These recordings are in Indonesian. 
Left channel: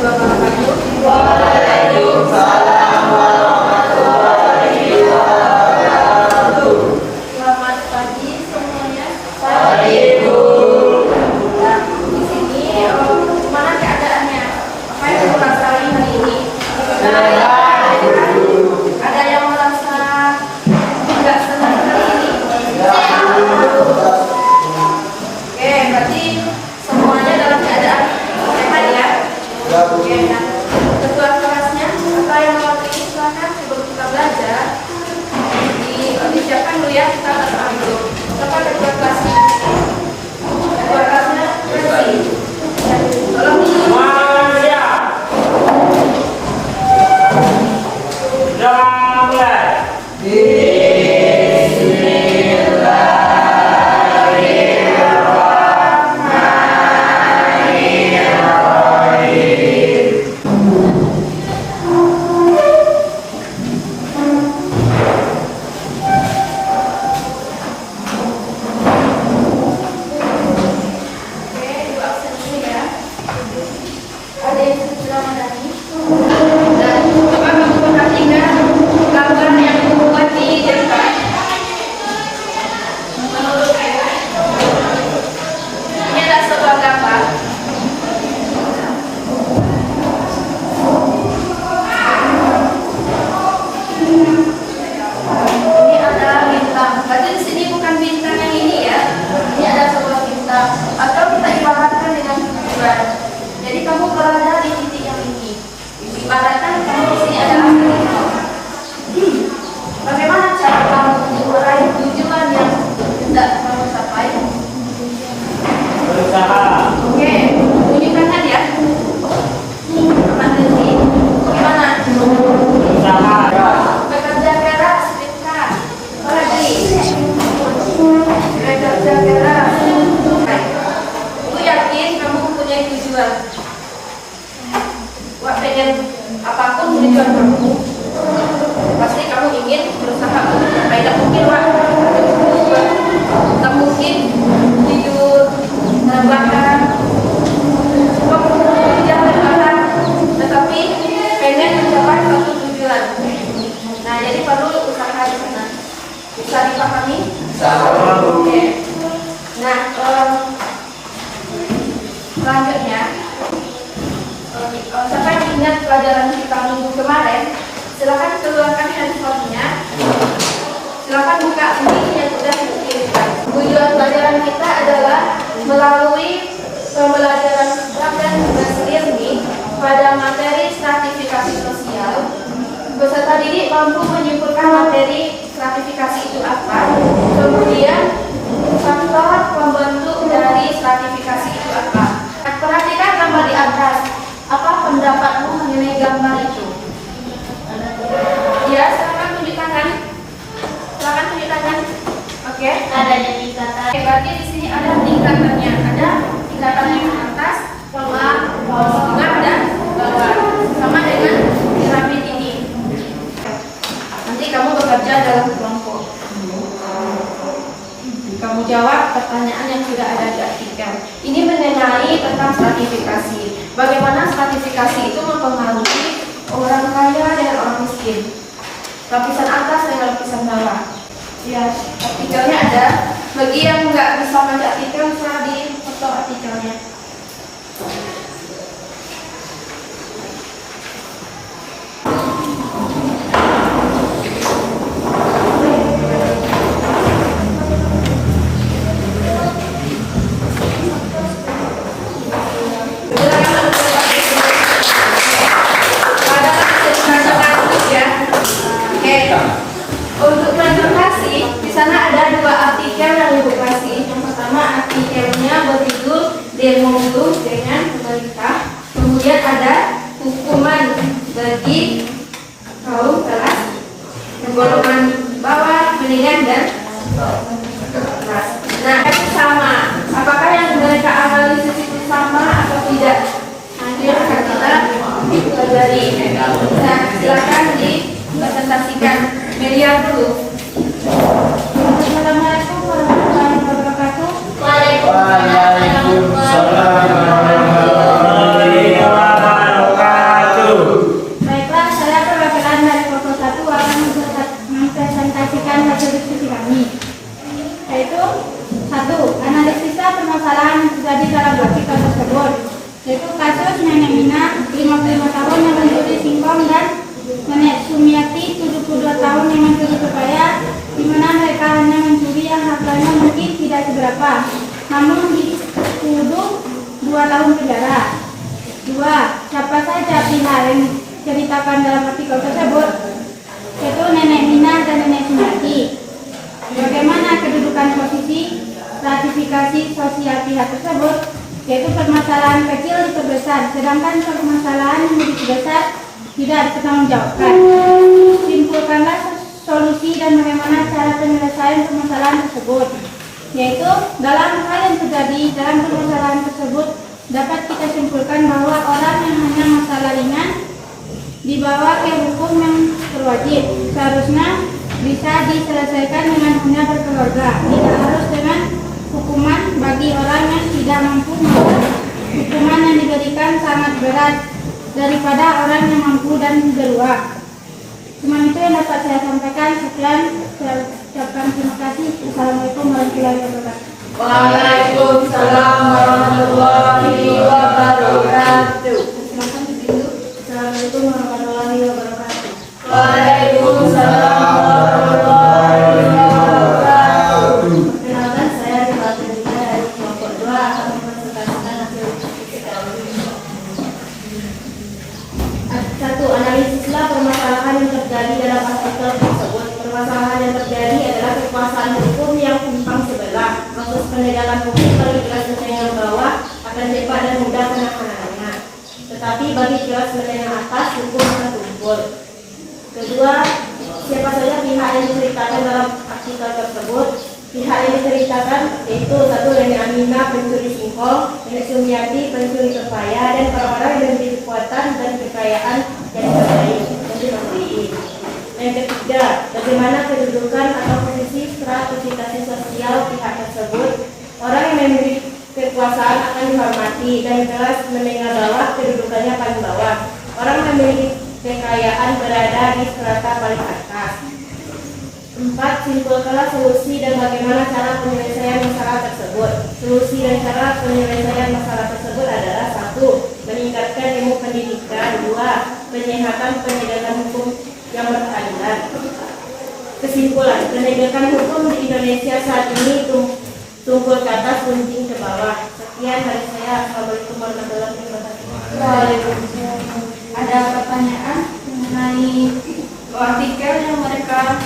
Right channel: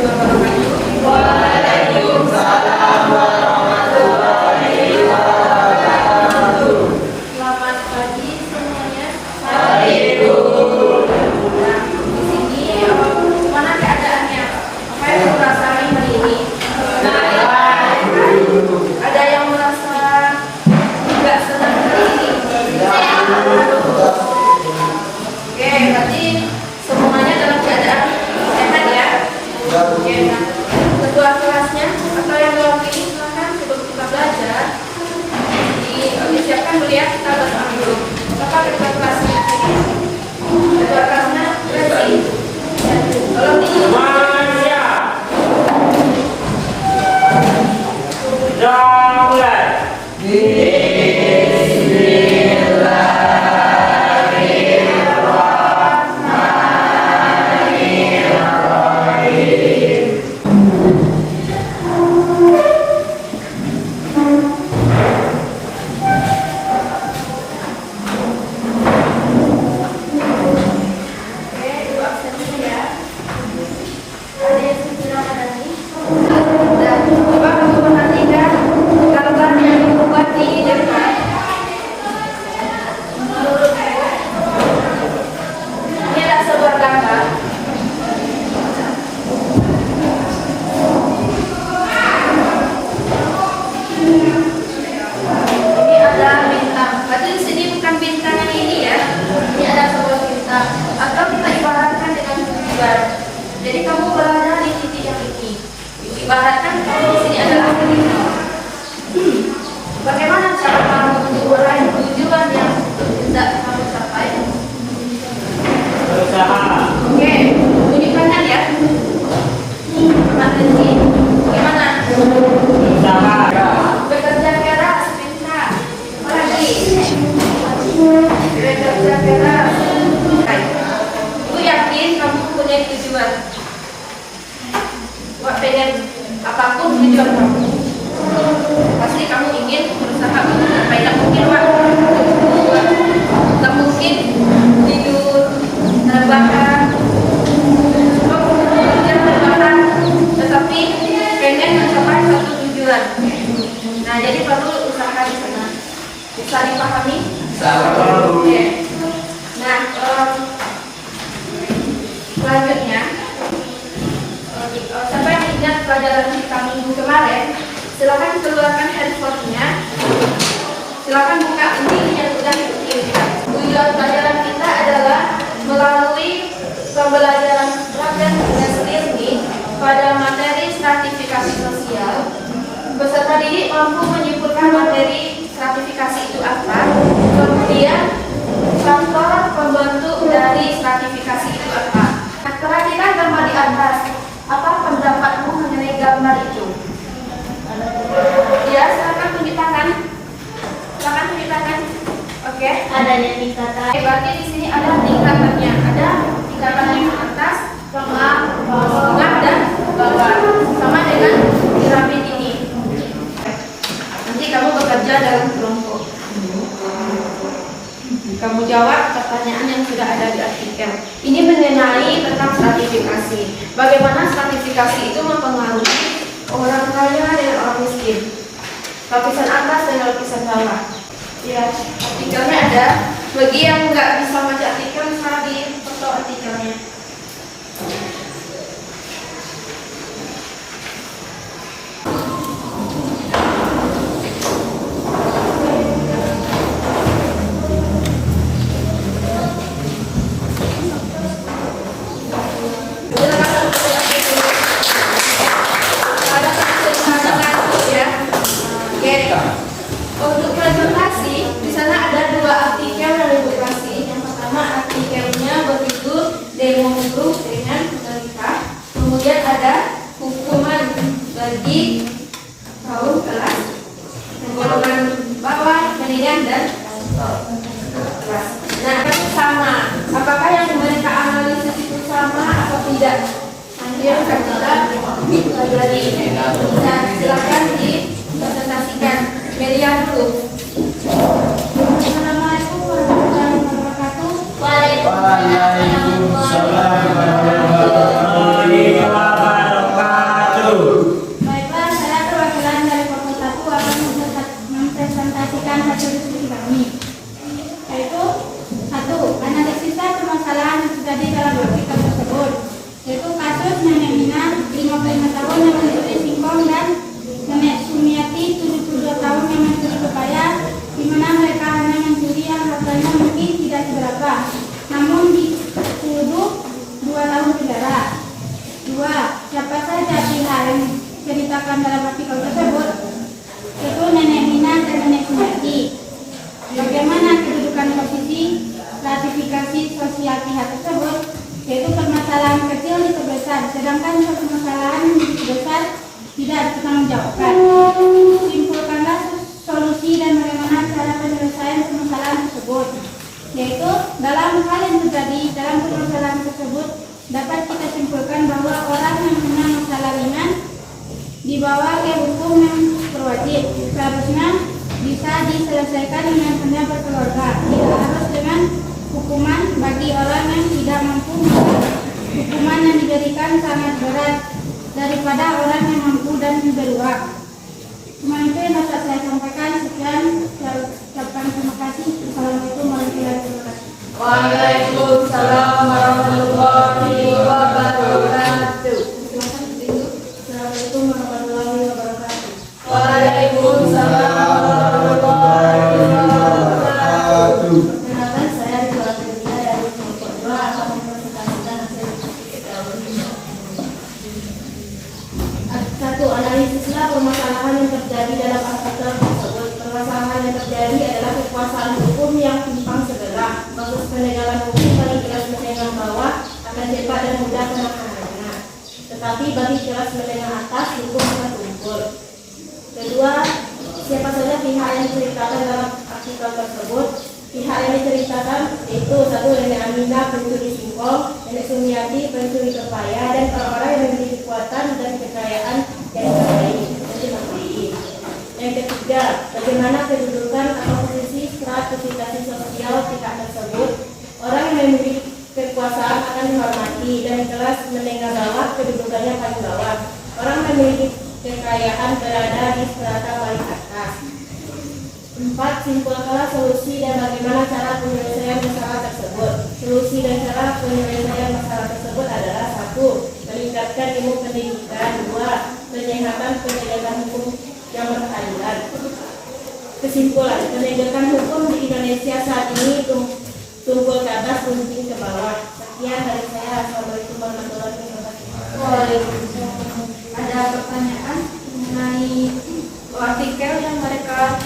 warahmatullahi wabarakatuh. Waalaikumsalam warahmatullahi wabarakatuh. Selamat pagi semuanya. Pagi, Bu. Di sini mana keadaannya? Apa yang merasa hari ini? Ada yang merasa tidak senang hari ini? Oke, berarti semuanya dalam keadaan sehat ya. Oke, nah ketua kelasnya apa yang mewakili silakan sebelum kita belajar. Disiapkan dulu ya, kita berdoa dulu. Apa ketua kelasnya? Ketua kelasnya kasih. Tolong di apapun tujuan kamu, pasti kamu ingin berusaha untuk tidak mungkin tak mungkin tidur terbahan, bekerja terbahan, tetapi pengen mencapai satu tujuan. Nah, jadi perlu usaha di sana. Bisa dipahami? Oke. Nah, selanjutnya. Sampai ingat pelajaran kita minggu kemarin, silakan keluarkan handphonenya, silakan buka link yang sudah dikirimkan. Tujuan pelajaran kita adalah melalui pembelajaran pelajaran learning pada materi stratifikasi sosial. Peserta didik mampu menyimpulkan materi stratifikasi itu apa, kemudian faktor pembentuk dari stratifikasi itu apa. Nah, perhatikan gambar di atas. Apa pendapatmu mengenai gambar itu? Ya, silakan tunjuk tangan. Silakan tunjuk tangan. Oke. Adanya tingkatan. Berarti di sini ada tingkatannya. Ada tingkatan yang atas, tengah, dan bawah. Sama dengan piramid ini. Nanti kamu bekerja dalam kelompok. Kamu jawab pertanyaan yang sudah ada di artikel. Ini mengenai tentang stratifikasi. Bagaimana stratifikasi itu mempengaruhi orang kaya dengan orang miskin, lapisan atas dan lapisan bawah. Ya, artikelnya ada. Bagi yang nggak bisa baca artikel, bisa di foto artikelnya. Untuk presentasi, di sana ada dua artikel yang Ibu kasih. Yang pertama artikelnya berjudul demo dulu dengan pemerintah. Kemudian ada hukuman bagi kaum kelas golongan bawah, menengah dan kelas. Nah, sama. Apakah yang mereka analisis itu sama atau tidak? Nanti akan kita pelajari. Nah, silakan dipresentasikan. Miriam dulu. Assalamualaikum warahmatullahi wabarakatuh. Waalaikumsalam warahmatullahi wabarakatuh. Yaitu kasus Nenek Mina 55 tahun yang mencuri singkong dan Nenek Sumiati 72 tahun yang mencuri pepaya, di mana mereka hanya mencuri yang harganya mungkin tidak seberapa, namun dituduh 2 tahun penjara. 2. Siapa saja pihak yang diceritakan dalam artikel tersebut? Yaitu Nenek Mina dan Nenek Sumiati. Bagaimana kedudukan posisi ratifikasi sosial pihak tersebut? Yaitu permasalahan kecil diperbesar, sedangkan permasalahan yang lebih besar tidak dipertanggungjawabkan. Simpulkanlah solusi dan bagaimana cara penyelesaian permasalahan tersebut. Yaitu dalam hal yang terjadi dalam permasalahan tersebut dapat kita simpulkan bahwa orang yang hanya masalah ringan dibawa ke hukum yang berwajib seharusnya bisa diselesaikan dengan hanya berkeluarga, tidak harus dengan hukuman. Bagi orang yang tidak mampu, maka hukuman yang diberikan sangat berat daripada orang yang mampu dan beruang. Cuma itu yang dapat saya sampaikan. Sekian, saya ucapkan terima kasih. Assalamualaikum warahmatullahi wabarakatuh. Waalaikumsalam warahmatullahi wabarakatuh. Assalamualaikum warahmatullahi wabarakatuh. Waalaikumsalam warahmatullahi wabarakatuh. Perkenalkan, saya Ridho Adrina dari kelompok 2 akan mempresentasikan hasil kita. 1. Analisislah permasalahan yang terjadi dalam artikel tersebut. Permasalahan yang terjadi adalah kekuasaan hukum yang timpang sebelah. Proses penegakan hukum bagi kelas menengah bawah akan cepat dan mudah penanganannya, tetapi bagi kelas menengah atas hukum akan tumpul. 2. Siapa saja pihak yang diceritakan dalam artikel tersebut? Pihak yang diceritakan yaitu 1. Nenek Aminah pencuri singkong, Nenek Sumiati pencuri pepaya, dan orang-orang yang memiliki kekuatan dan kekayaan yang terbaik. Yang ketiga, bagaimana kedudukan atau posisi stratifikasi sosial pihak tersebut? Orang yang memiliki kekuasaan akan dihormati dan kelas menengah bawah kedudukannya paling bawah. Orang yang memiliki kekayaan berada di strata paling atas. 4. Simpulkanlah solusi dan bagaimana cara penyelesaian masalah tersebut. Solusi dan cara penyelesaian masalah tersebut adalah 1. Meningkatkan ilmu pendidikan. 2. Penyehatan penegakan hukum yang berkeadilan. Kesimpulan, penegakan hukum di Indonesia saat ini tumpul ke atas, runcing ke bawah. Sekian dari saya. Assalamualaikum warahmatullahi wabarakatuh. Waalaikumsalam. Ada pertanyaan mengenai artikel yang mereka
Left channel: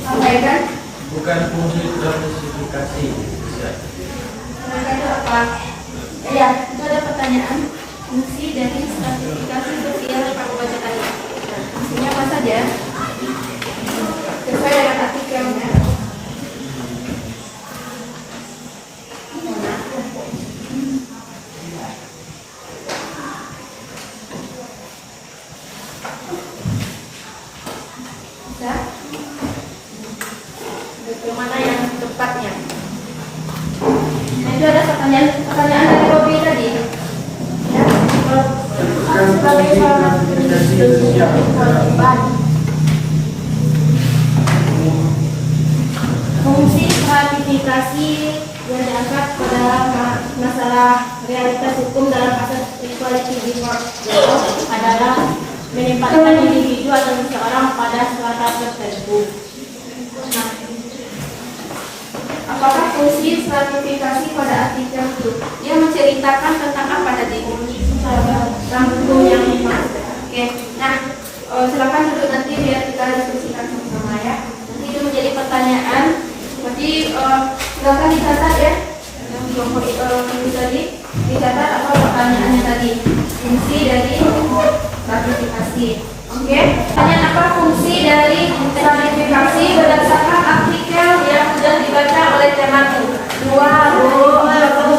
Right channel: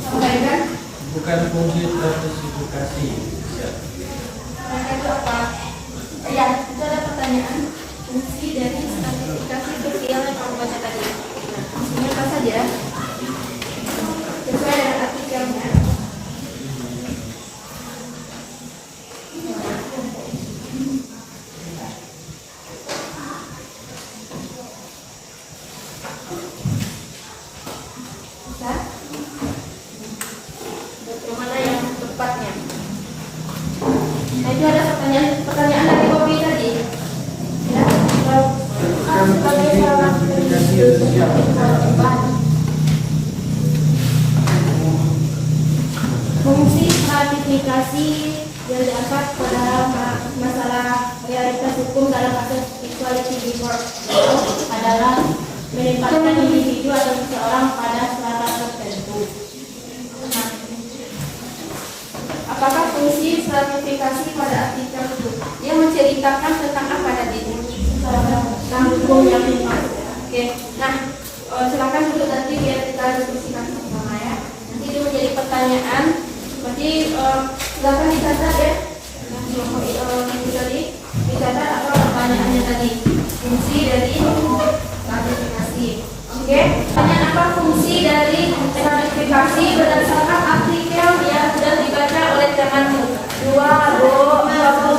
sampaikan? Bukan fungsi sertifikasi. Mereka itu apa? Ya, itu ada pertanyaan. Fungsi dari sertifikasi sosial yang aku bacakan ya. Fungsinya apa saja? Sesuai dengan artikelnya. Bagaimana yang tepatnya? Nah, itu ada pertanyaan dari Robi tadi. Ya, sebagai seorang pendidik kewajiban. Fungsi stratifikasi yang diangkat pada masalah realitas hukum dalam kasus equality before the law adalah menempatkan individu atau seseorang pada strata tertentu. Nah, apakah fungsi stratifikasi pada artikel itu? Dia menceritakan tentang apa tadi? Tentang hukum yang timpang. Oke. Nah, silakan duduk nanti biar kita diskusikan sama-sama ya. Nanti itu menjadi pertanyaan. Berarti silakan dicatat ya. Yang kelompok ini tadi dicatat apa pertanyaannya tadi? Fungsi dari stratifikasi. Oke. Pertanyaan apa fungsi dari stratifikasi berdasarkan artikel yang sudah dibaca oleh temanmu? 2.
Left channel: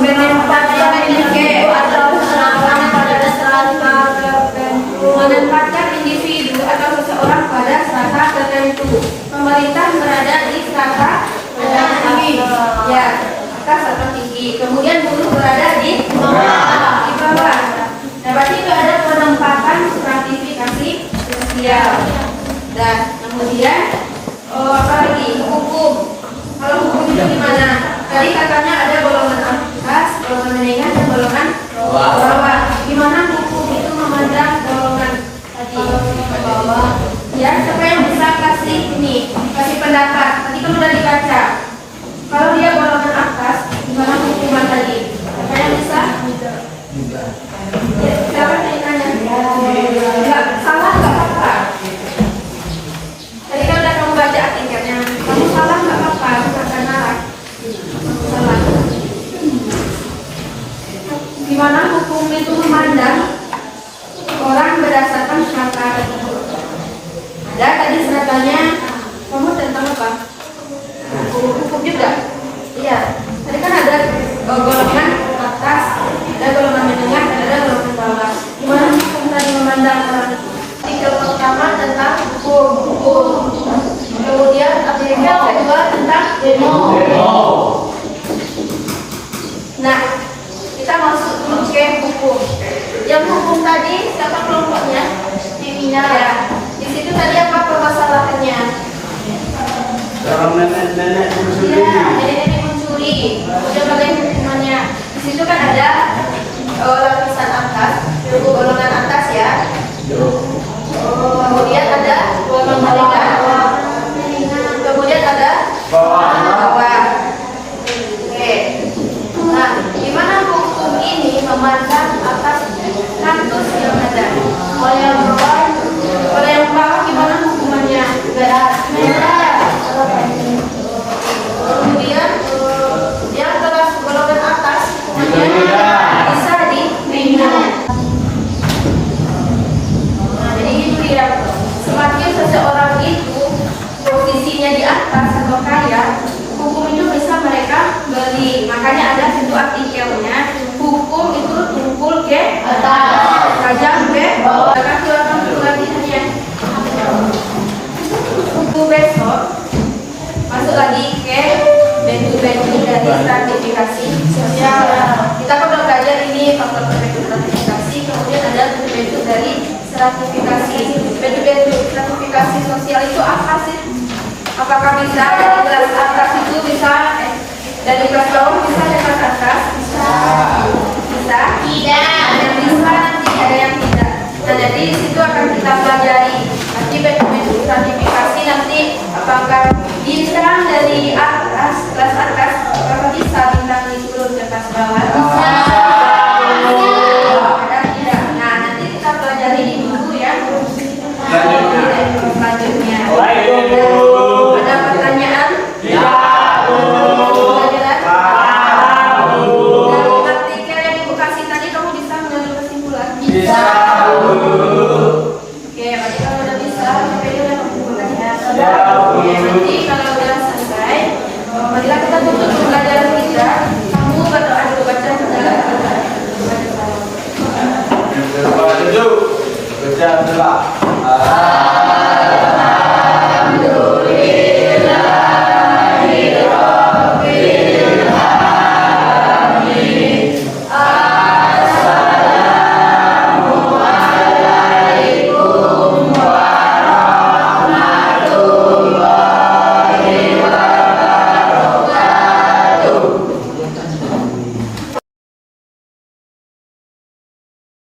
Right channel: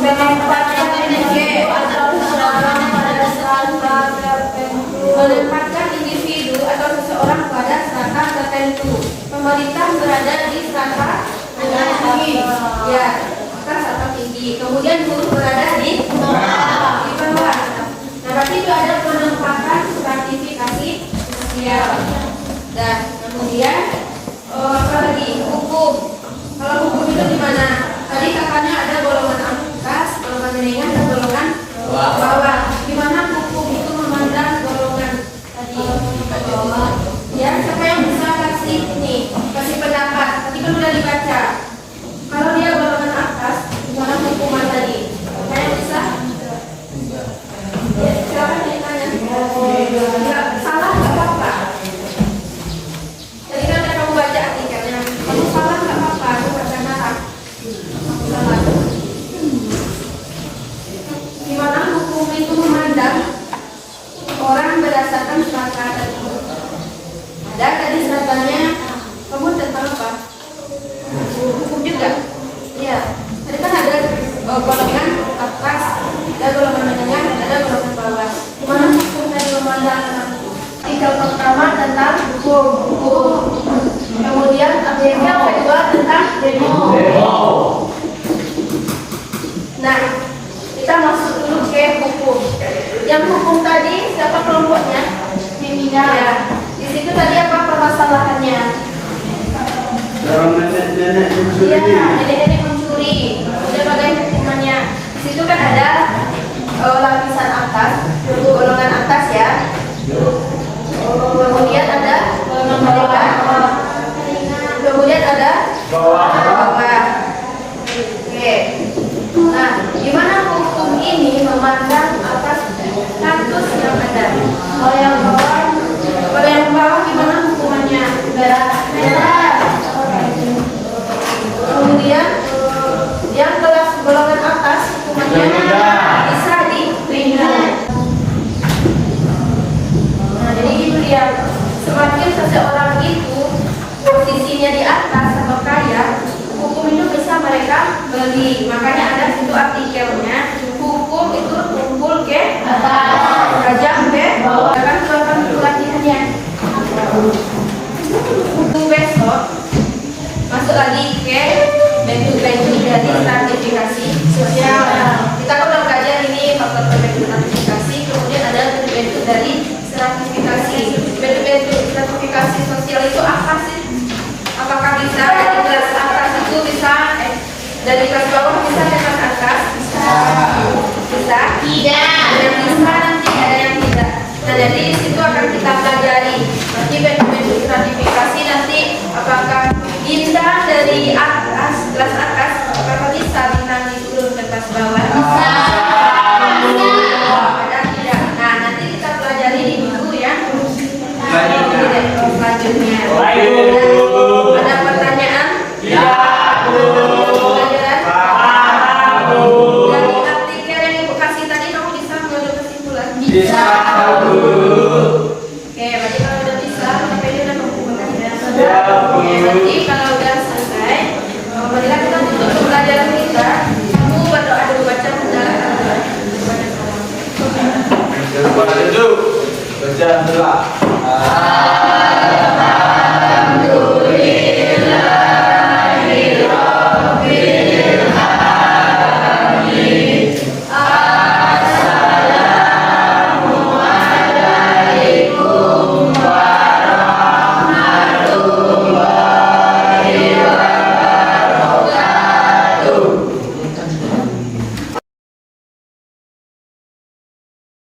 Menempatkan individu atau seseorang pada strata tertentu. Menempatkan individu atau seseorang pada strata tertentu. Pemerintah berada di strata tinggi, ya, atas atau tinggi. Kemudian buruh berada di bawah. Nah, berarti itu ada penempatan stratifikasi sosial. Dan kemudian apa lagi? Hukum. Kalau hukum itu gimana? Tadi katanya ada golongan atas, golongan menengah, dan golongan bawah. Bawah. Oke. Nah, gimana hukum ini memandang atas status yang ada? Kalau yang bawah gimana hukumannya? Kemudian yang kelas golongan atas hukumannya bisa diperingat. Nah, jadi itu dia. Semakin seseorang itu posisinya di atas atau kaya, hukum itu bisa mereka beli. Makanya ada situ artikelnya, hukum itu tumpul ke atas, pajak ke bawah. Akan silakan untuk latihannya. Itu besok masuk lagi ke bentuk-bentuk dari stratifikasi sosial. Kita kan udah belajar ini faktor bentuk stratifikasi, kemudian ada bentuk dari stratifikasi. Bentuk stratifikasi sosial itu apa sih? Apakah bisa dari kelas atas itu bisa dari kelas bawah bisa ke kelas atas? Bisa? Tidak. Ada yang bisa, nanti ada yang tidak. Nah, jadi di situ akan kita pelajari nanti bentuk stratifikasi nanti apakah bintang dari atas kelas atas apakah bisa bintangnya